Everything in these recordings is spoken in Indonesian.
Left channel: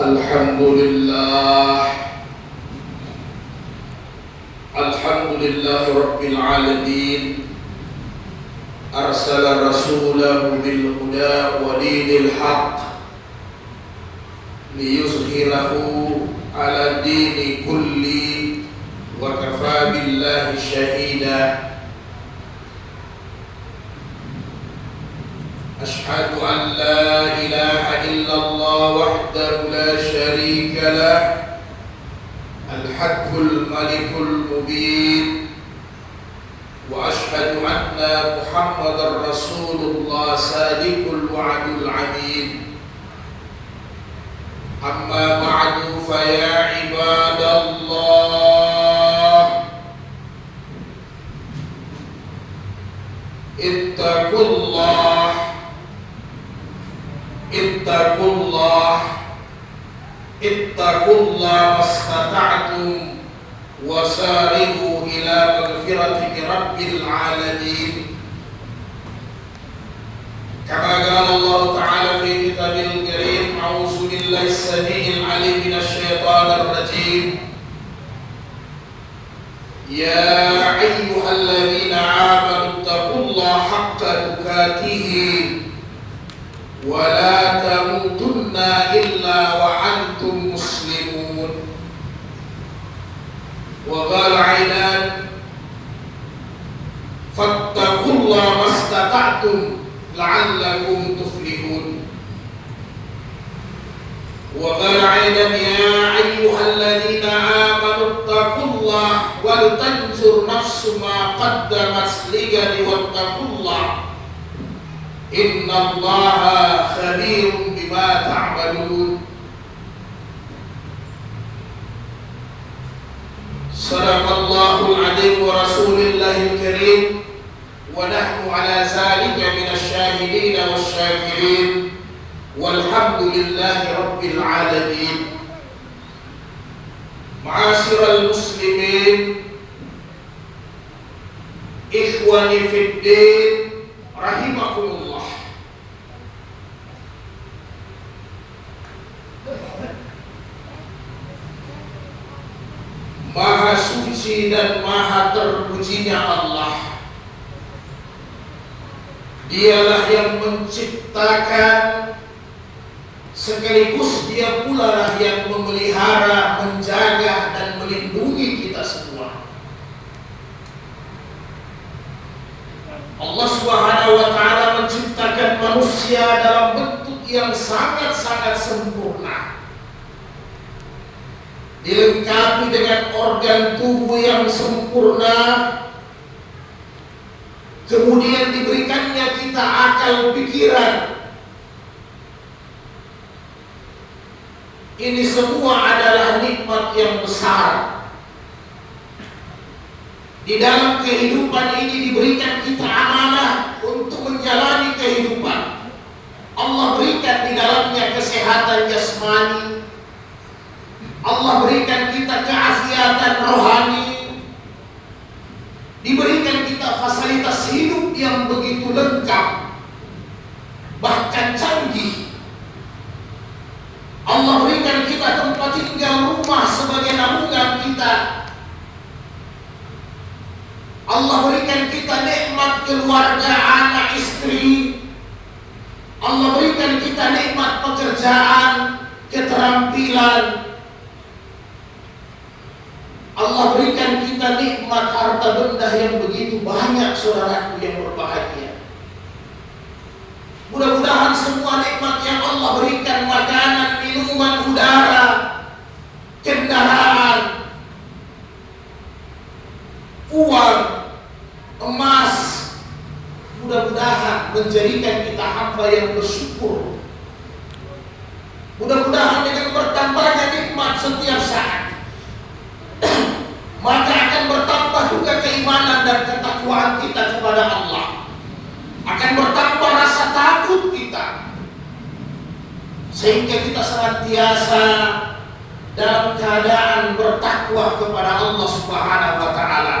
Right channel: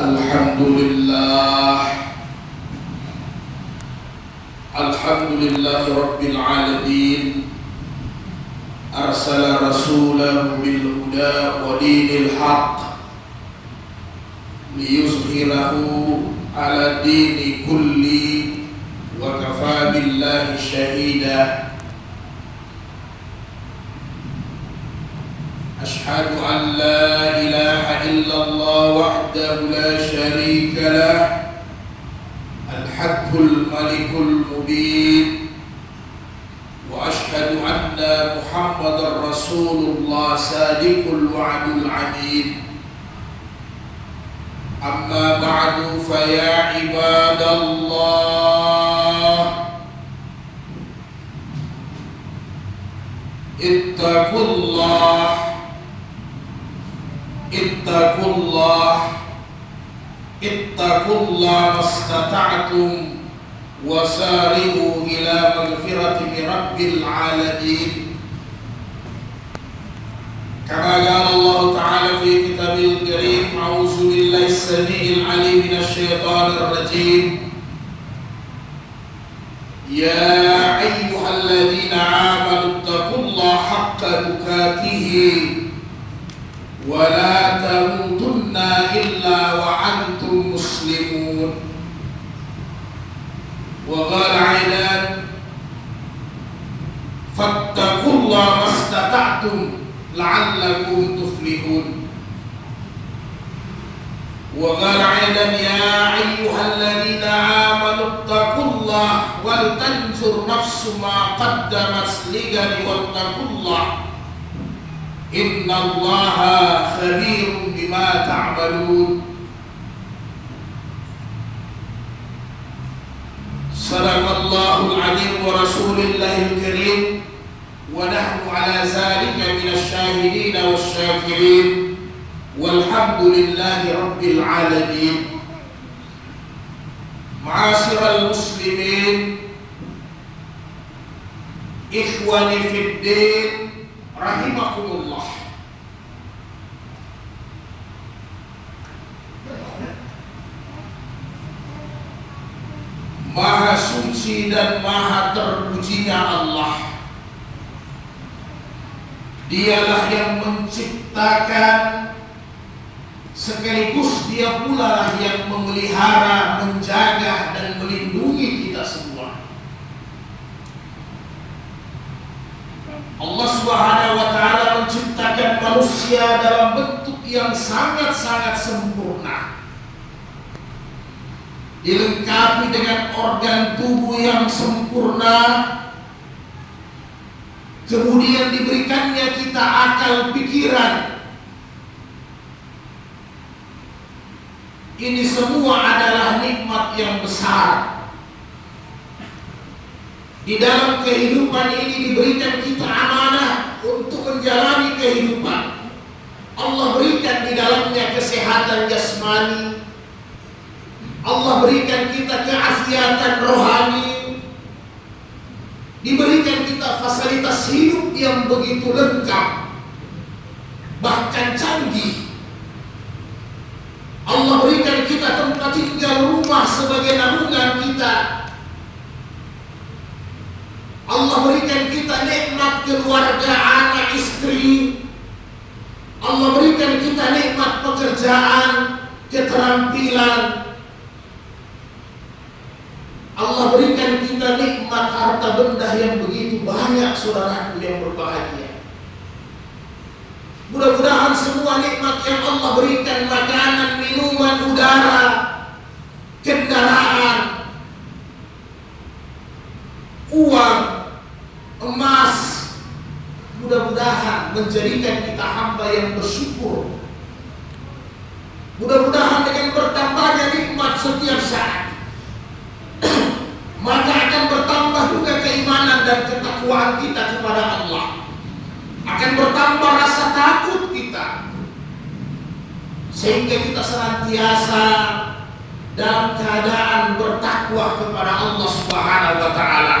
Alhamdulillah Rabbil Alamin. Arsala rasulahu bil huda wa dinil haq liyuzhirahu ala dini kulli wa kafa billahi shahida. Ashhadu an la ilaha illallah wahdahu la sharika lah, al-haqqul malikul mubin, wa ashhadu anna Muhammadar Rasulullah sadiqul wa'dul amin. Amma ba'du fa ya ibadallah, ittaqullah mastata'tum wasari'u ila maghfirati min rabbil alamin. Kama qala Allah ta'ala fi kitabil karim, a'udzu billahi as-sami'il 'alim minasy syaithanir rajim. Ya ayyuhalladzina amanu taqullaha haqqa tuqatih wa la tamutunna illa wa antum muslimun. Wa qala aidan fattaqullaha mastata'tum la'allakum tuflihun. Wa qala aidan ya ayyuhalladzina amanu taqullaha wal tanzur nafsum ma qaddamat lighadin wattaqullaha innallaha khabirun bima ta'malun. Sadaqallahul azim wa rasulillahil karim, wa nahnu ala zalika minasy syahidin wasyakirin, walhamdulillahi rabbil alamin. Ma'asyiral muslimin, ikhwani fid din, rahimakumullah. Maha suci dan maha terpujinya Allah. Dialah yang menciptakan, sekaligus Dia pula lah yang memelihara, menjaga dan melindungi kita semua. Allah Subhanahu wa ta'ala menciptakan manusia dalam bentuk yang sangat-sangat sempurna, dilengkapi dengan organ tubuh yang sempurna, kemudian diberikannya kita akal pikiran. Ini semua adalah nikmat yang besar. Di dalam kehidupan ini diberikan kita amanah untuk menjalani kehidupan. Allah berikan di dalamnya kesehatan jasmani, Allah berikan kita keafiatan rohani, diberikan kita fasilitas hidup yang begitu lengkap, bahkan canggih. Allah berikan kita tempat tinggal, rumah sebagai naungan kita. Allah berikan kita nikmat keluarga, anak, istri. Allah berikan kita nikmat pekerjaan, keterampilan. Allah berikan kita nikmat harta benda yang begitu banyak, saudaraku yang berbahagia. Mudah-mudahan semua nikmat yang Allah berikan, makanan, minuman, udara, kendaraan, uang, emas, mudah-mudahan menjadikan kita hamba yang bersyukur. Mudah-mudahan dengan bertambahnya nikmat setiap saat, maka akan bertambah juga keimanan dan ketakwaan kita kepada Allah. Akan bertambah rasa takut kita, sehingga kita senantiasa dalam keadaan bertakwa kepada Allah Subhanahu wa ta'ala.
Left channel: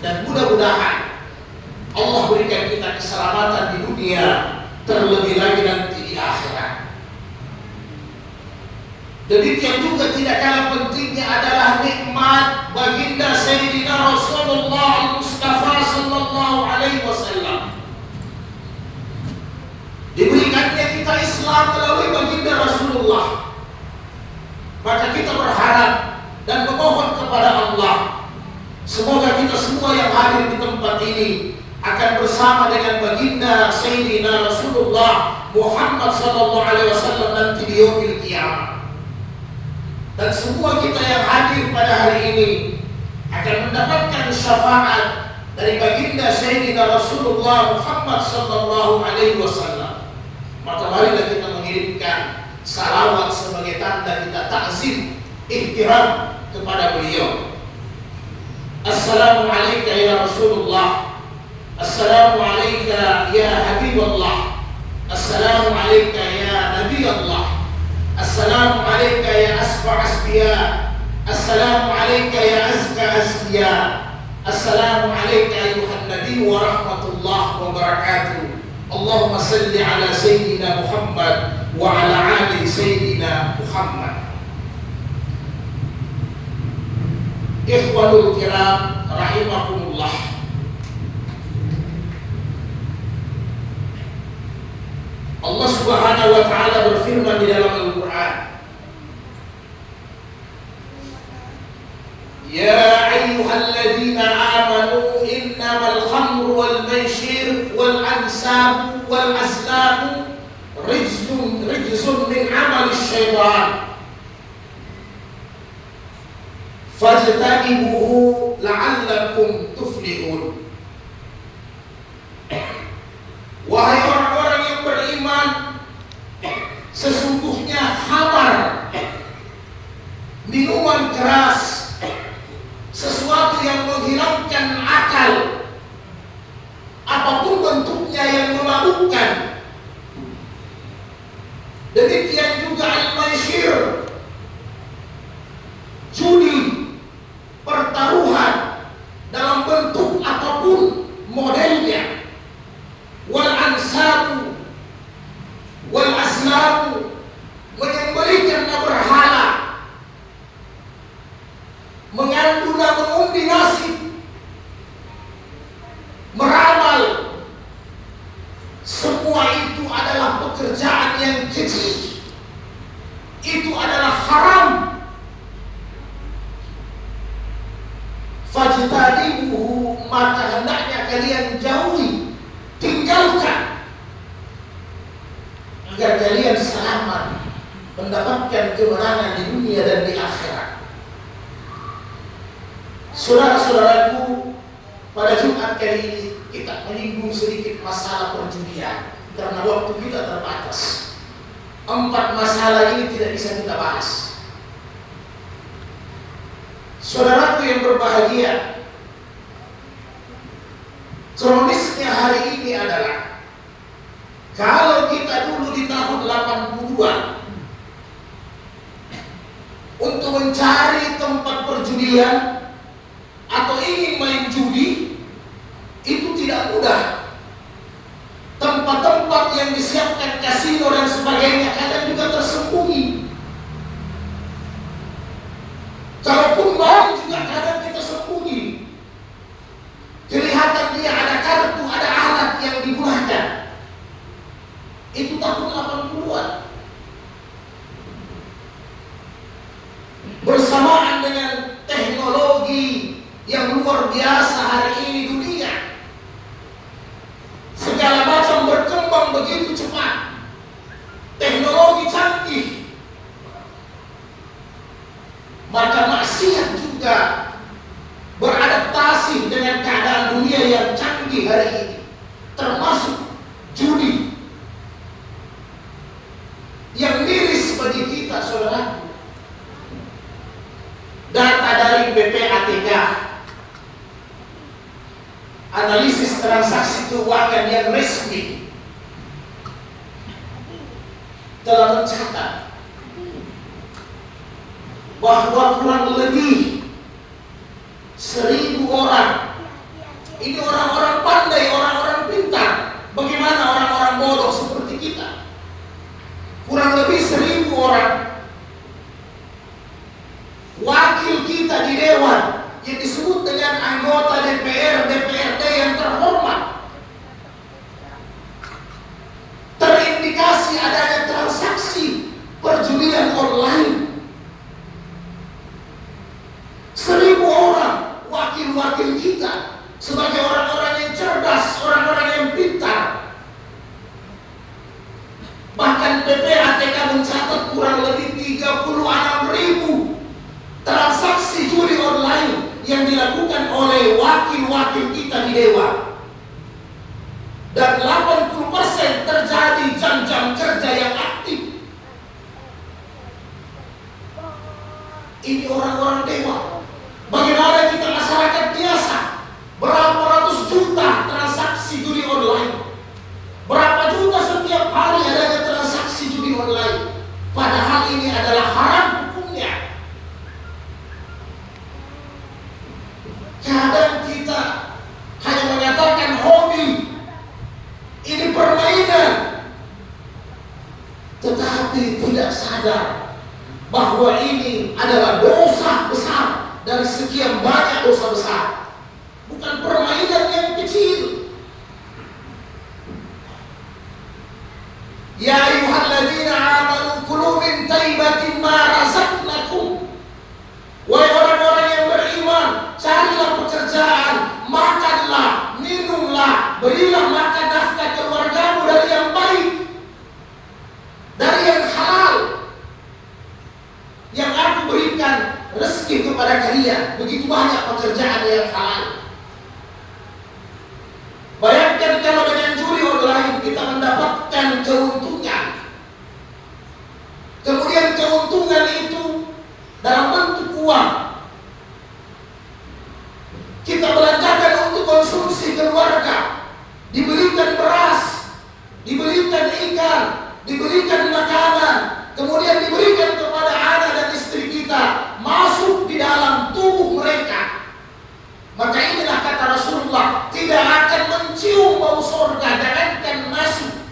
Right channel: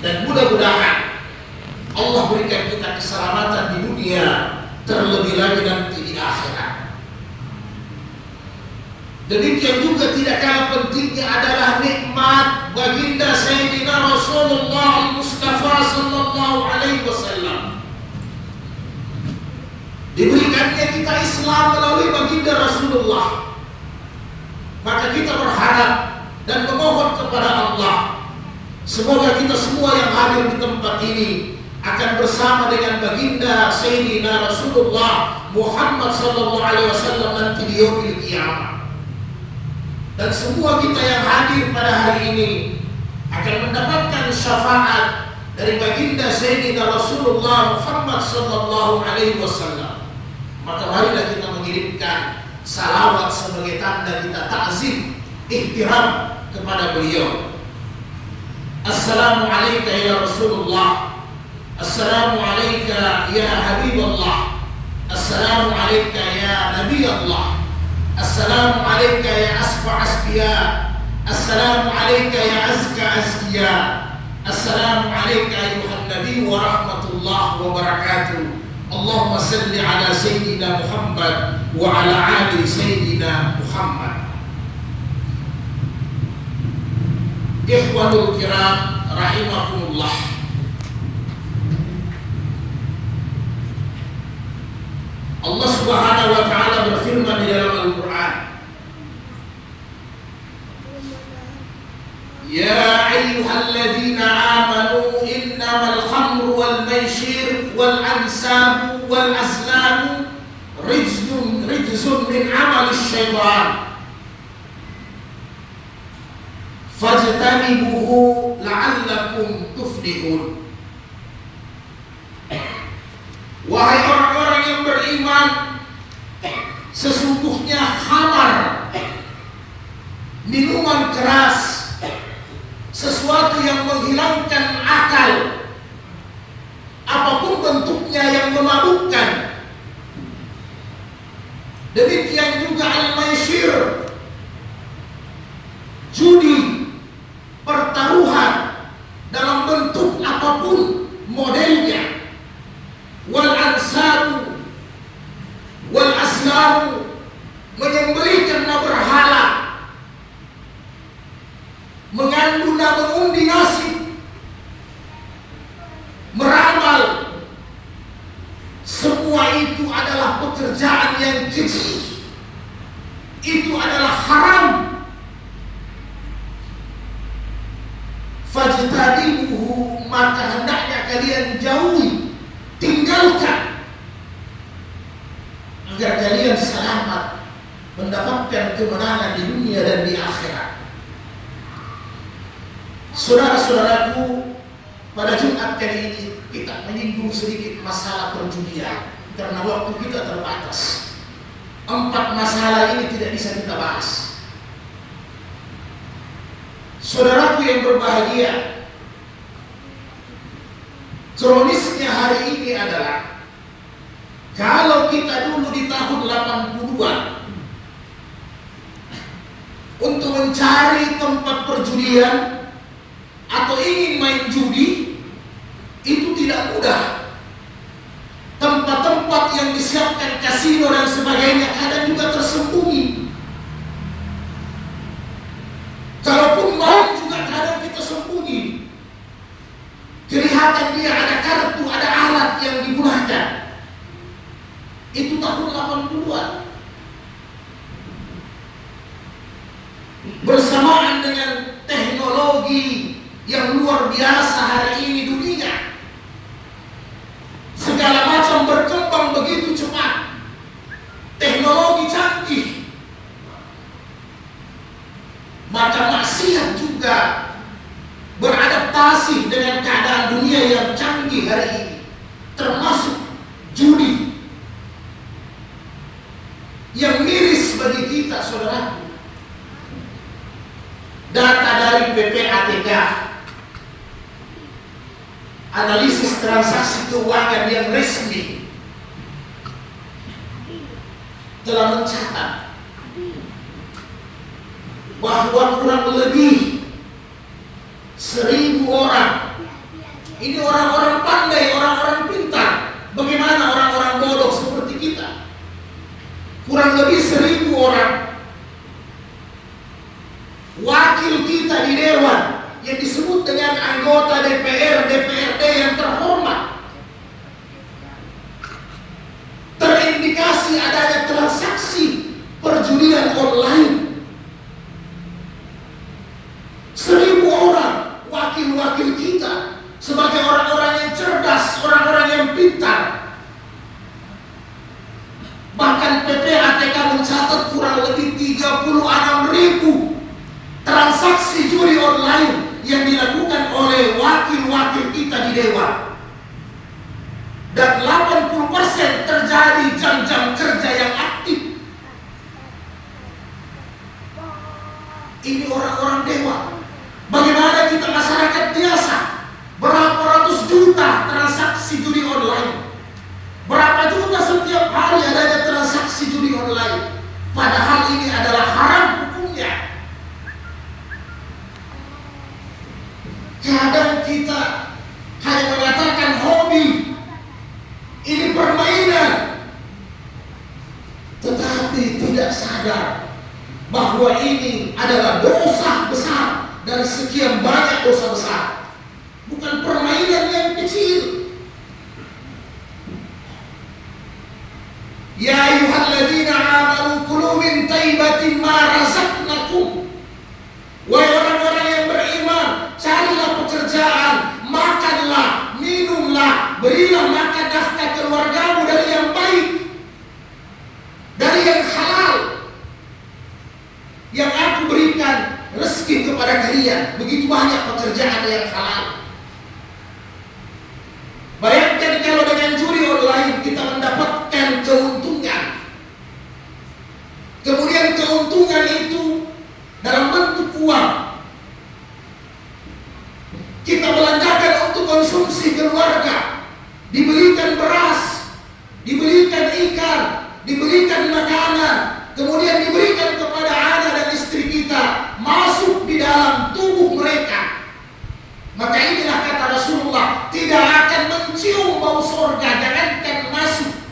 Dan mudah-mudahan Allah berikan kita keselamatan di dunia, terlebih lagi nanti di akhirat. Demikian juga tidak kalah pentingnya adalah nikmat baginda Sayyidina Rasulullah Mustafa sallallahu alaihi wasallam. Diberikannya kita Islam melalui baginda Rasulullah. Maka kita berharap dan memohon kepada Allah, semoga kita semua yang hadir di tempat ini akan bersama dengan baginda Sayyidina Rasulullah Muhammad sallallahu alaihi wasallam nanti di yaumil qiyamah. Dan semua kita yang hadir pada hari ini akan mendapatkan syafaat dari baginda Sayyidina Rasulullah Muhammad sallallahu alaihi wasallam. Maka marilah kita mengirimkan salawat sebagai tanda kita takzim, ihtiram kepada beliau. Assalamu alayka ya Rasulullah. Assalamu alayka ya Habibullah. Assalamu alayka ya Nabi Allah. Assalamu alayka ya asfa asfiya. Assalamu alayka ya azka azkiya. Assalamu alayka ayuhan Nabi wa rahmatullahi wa barakatuh. Allahumma salli ala Sayyidina Muhammad wa ala ali Sayyidina Muhammad. Ikhwanul kiram rahimakumullah. Allah Subhanahu wa taala berfirman di dalam Al-Qur'an, Ya ayyuhalladzina amanu innamal khamru wal maisir wal ansabu wal azlamu rijzun min amali syaitan fajtanibuhu la'allakum tuflihun. Wahai orang-orang yang beriman, sesungguhnya khamar, minuman keras, sesuatu yang menghilangkan akal, apapun bentuknya yang memabukkan. Demikian juga al-maisir, judi, pertaruhan dalam bentuk apapun modelnya. Wal ansabu wal aslamu, menyembelih karena berhala, mengandung dan mengundi nasib, meramal, semua itu adalah pekerjaan yang keji. Itu adalah haram. Fajtanibuhu, maka hendaknya kalian jauhi, tinggalkan, agar kalian selamat mendapatkan kemenangan di dunia dan di akhirat. Saudara-saudaraku, pada Jumat kali ini kita menyinggung sedikit masalah perjudian karena waktu kita terbatas. 4 masalah ini tidak bisa kita bahas. Saudaraku yang berbahagia, kronisnya hari ini adalah kalau kita dulu di tahun 82 untuk mencari tempat perjudian atau ingin main judi itu tidak mudah. Tempat-tempat yang disiapkan kasino dan sebagainya kadang juga tersembunyi. Kalaupun main juga kadang kita sembunyi. Kelihatan dia ada kartu, ada alat yang digunakan. Itu tahun 80-an. Bersamaan dengan teknologi yang luar biasa hari ini dunia, segala macam berkembang begitu cepat, teknologi canggih, maka maksiat juga beradaptasi dengan keadaan dunia yang canggih hari ini, termasuk judi yang miris bagi kita, saudara. Data dari PPATK, analisis transaksi keuangan yang resmi, telah mencatat bahwa kurang lebih 1.000 orang, ini orang-orang pandai, orang-orang pintar. Bagaimana orang-orang bodoh seperti kita? Kurang lebih 1.000 orang perjudian online. 1.000 orang wakil-wakil kita sebagai orang-orang yang cerdas, orang-orang yang pintar. Bahkan PPATK mencatat kurang lebih 36.000 transaksi judi online yang dilakukan oleh wakil-wakil kita di Dewan. Dan 80% terjadi jam-jam kerja yang aktif. Ini orang-orang Dewan. Bagaimana kita masyarakat biasa? Berapa ratus juta transaksi judi online? Berapa juta setiap hari adanya transaksi judi online? Padahal ini adalah haram hukumnya. Kadang kita hanya mengatakan hobi, ini permainan, tetapi tidak sadar bahwa ini adalah dosa besar dari sekian banyak dosa besar. Bukan permainan yang kecil. Ya ayyuhalladzina amanu kulu min thayyibatin ma razaqnakum. Wahai orang-orang yang beriman, carilah pekerjaan, makanlah, minumlah, berilah makan nafkah keluargamu dari yang baik, dari yang halal, yang aku berikan rezeki kepada kalian. Begitu banyak pekerjaan yang halal. Bayangkan kalau dengan judi online kita mendapatkan keuntungan. Kemudian keuntungan itu dalam bentuk uang. Kita belanjakan untuk konsumsi keluarga. Dibelikan beras, dibelikan ikan, dibelikan makanan, kemudian diberikan kepada anak dan istri kita, masuk di dalam tubuh mereka. Maka inilah kata Rasulullah, tidak akan mencium bau surga, jangankan masuk.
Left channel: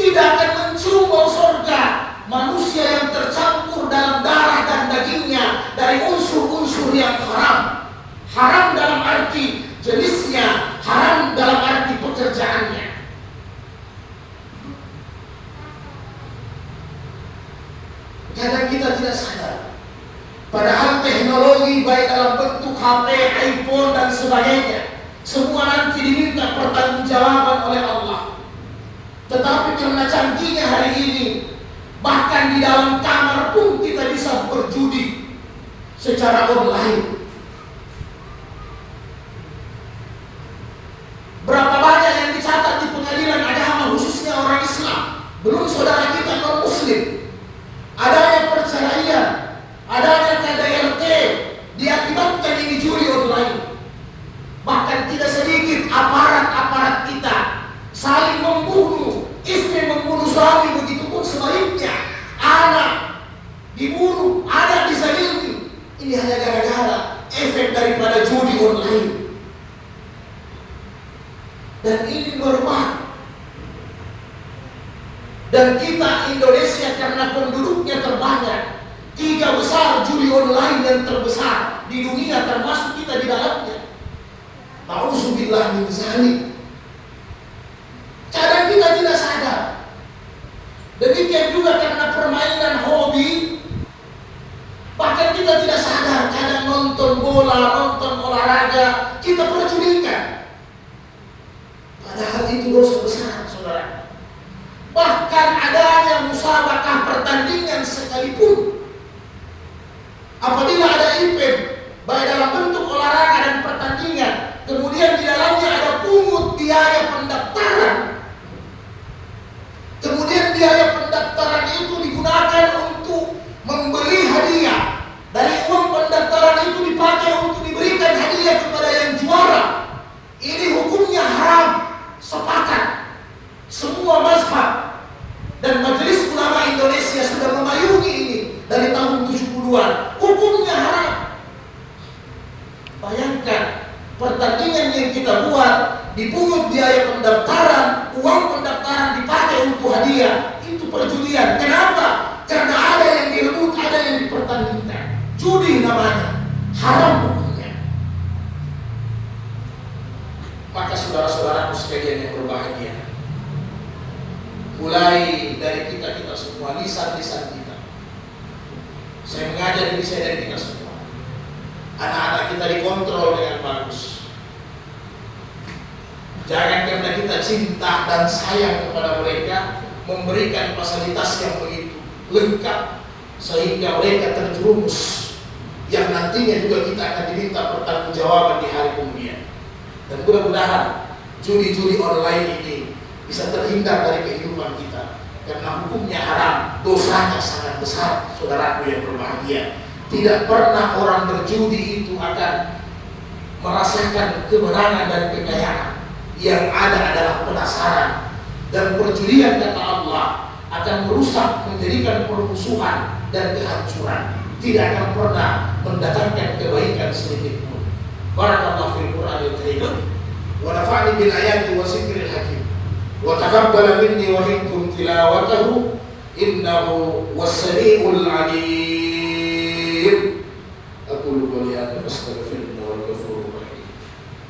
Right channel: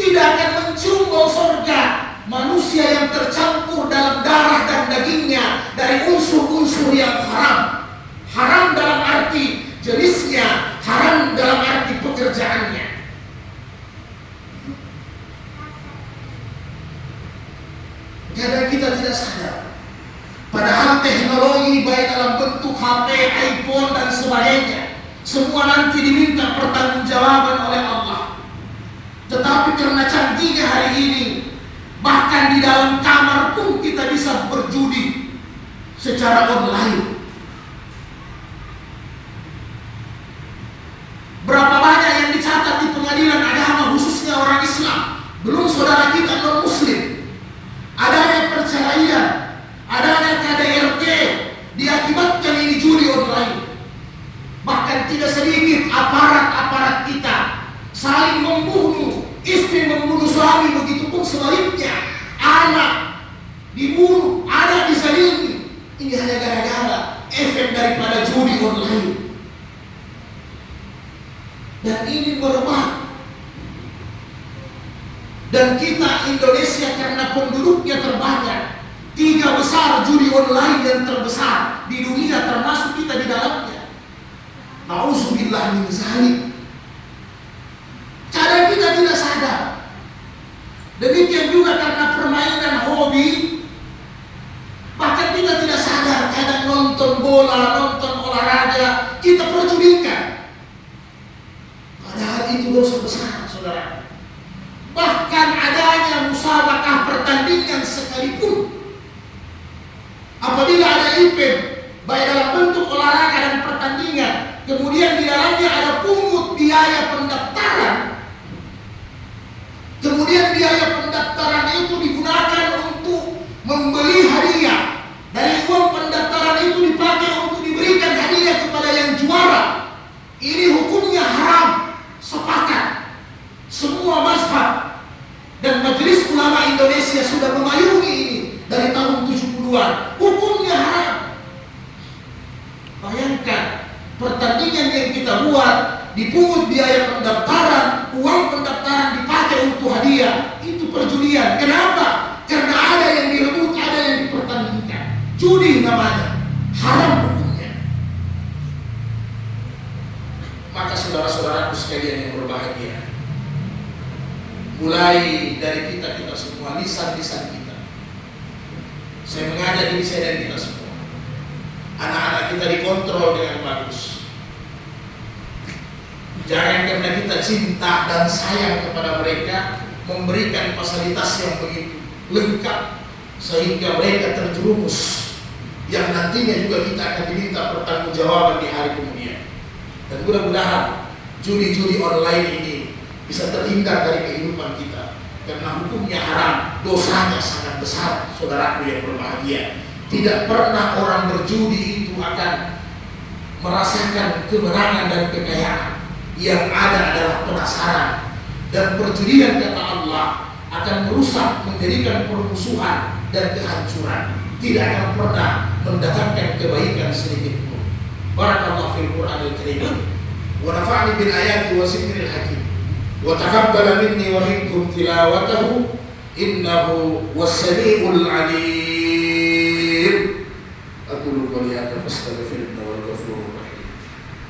Tidak akan mencium bau surga manusia yang tercampur dalam darah dan dagingnya dari unsur-unsur yang haram. Haram dalam arti jenisnya, haram dalam arti pekerjaannya. Kadang kita tidak sadar. Padahal teknologi baik dalam bentuk HP, iPhone dan sebagainya, semua nanti diminta pertanggungjawaban oleh Allah. Tetapi karena canggihnya hari ini, bahkan di dalam kamar pun kita bisa berjudi secara online. Berapa banyak yang dicatat di pengadilan agama khususnya orang Islam, belum saudara kita non-muslim, adanya perceraian, adanya KDRT diakibatkan ini judi online. Bahkan tidak sedikit aparat-aparat kita saling membunuh, istri membunuh suami, begitu pun sebaliknya, anak dibunuh, anak dizalimi. Ini hanya gara-gara efek daripada judi online. Dan ini berubah. Dan kita Indonesia karena penduduknya terbanyak, 3 besar judi online yang terbesar di dunia, termasuk kita di dalamnya. Nauzubillah min dzalik. Kadang kita tidak sadar. Demikian juga karena permainan hobi, bahkan kita tidak sadar. Kadang nonton bola, nonton olahraga, kita perjudikan. Padahal itu dosa besar, saudara. Bahkan adanya musabakah pertandingan sekalipun, apabila ada event baik dalam bentuk olahraga dan pertandingan, kemudian di dalamnya ada pungut biaya pendaftaran, kemudian biaya pendaftaran itu digunakan untuk membeli hadiah. Dari uang pendaftaran itu dipakai untuk diberikan hadiah kepada yang juara. Ini hukumnya haram. Sepakat semua mazhab dan Majelis Ulama Indonesia sudah memayungi ini dari tahun 70-an. Hukumnya haram. Bayangkan, pertandingan yang kita buat dipungut biaya pendaftaran, uang pendaftaran dipakai untuk hadiah. Itu perjudian. Kenapa? Karena ada yang direbut, ada yang dipertandingkan. Judi namanya, haram hukumnya. Maka saudara-saudaraku sekalian yang berbahagia, Mulai dari kita semua, lisan-lisan kita. Saya mengajak diri saya dan kita semua. Anak-anak kita dikontrol dengan bagus. Jangan karena kita cinta dan sayang kepada mereka, memberikan fasilitas yang begitu lengkap sehingga mereka terjerumus yang nantinya juga kita akan diminta pertanggungjawaban di hari kemudian. Dan mudah-mudahan judi-judi online ini bisa terhindar dari kehidupan kita, karena hukumnya haram, dosanya sangat besar. Saudaraku yang berbahagia, tidak pernah orang berjudi itu akan merasakan kemenangan dan kekayaan. Yang ada adalah penasaran, dan perjudian kata Allah akan merusak, menjadikan permusuhan dan kehancuran. Tidak akan pernah mendatangkan kebaikan sedikit pun. Barakallahu fil Qur'anil Karim wa nafa'ani bil ayati wa zikril hakim wa taqabbala minni wa minkum tilawatahu innahu was-sami'ul 'alim. Aqulu qawli hadza wa astaghfirullah.